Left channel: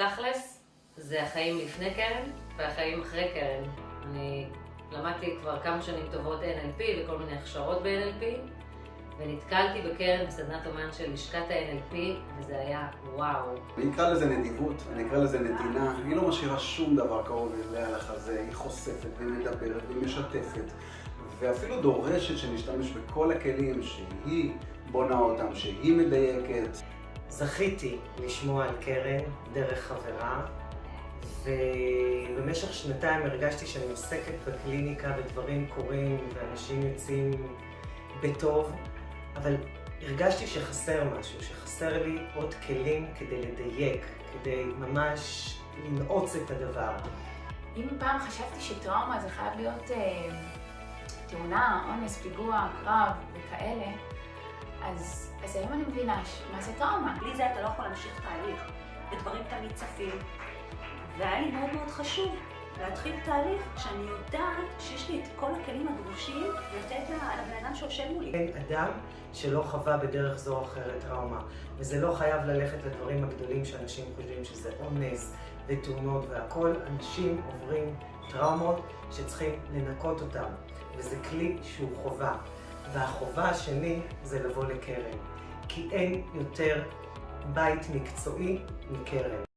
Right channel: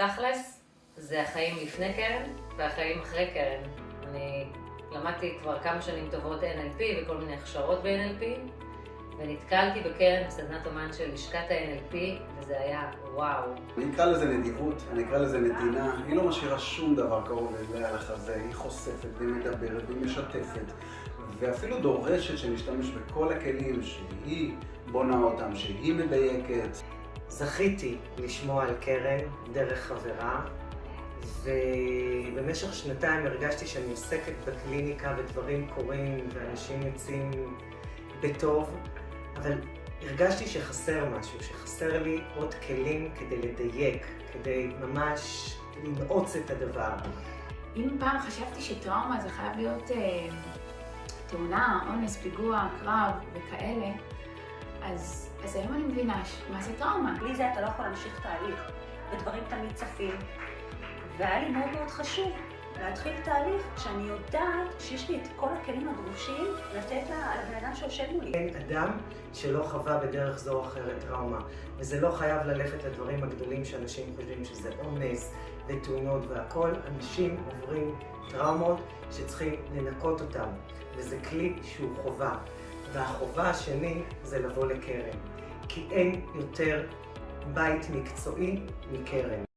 תכלס, זה החיים לפני קרן והחיים אחרי קרן. אני למדתי כבר כמה שנים טובות NLP וכל מיני הכשרות ב-NLP, ונתקלתי בקרן בסדנת אומן של לשכת ה-NLP, וזה היה וואו. אני אקרא לזה נדיבות, אני אקרא לזה נתינה. היא לא משאירה שום דבר קרוב אליה לחזה, היא חושפת והיא מדברת והיא משתפת, ואפילו דורשת שנשתמש בכל הכלים שהיא בונה אותם, שהיא מדייקת. זכיתי לשמוע על קרן דרך חברה, ובמשך שנתיים הרגשתי שאני עוסקת בקליניקה ודברים קורים ואנשים יוצאים בטוב, אבל הרגשתי שחסר משהו, שחסר לי עוד כלים כדי לדייק, כדי ממש לנעוץ את הדבר. אם פעם חשבתי שטראומה זה חייב להיות תאונה, אונס, פיגוע, קרב וכאלה, אז היום אני מבינה מה זה טראומה. בלי זה אתה לא יכול להמשיך תהליך, ודברים תמיד צפים. והיה לי מאוד מאוד חשוב להתחיל תהליך שאני יודעת שיש לי את כל הכלים הדרושים לתת לבן אדם שיושב מולי. אין אדם שלא חווה בדרך זו או אחרת טראומה, וזה לא חייב ללכת לדברים הגדולים שאנשים חושבים שזה אונס ותאונות והכל. אנשים עוברים טראומות שצריכים לנקות אותם, וזה כלי שהוא חובה. והחובה השני זה לבוא לקרן, כי אין יותר בית מקצועי מקרן.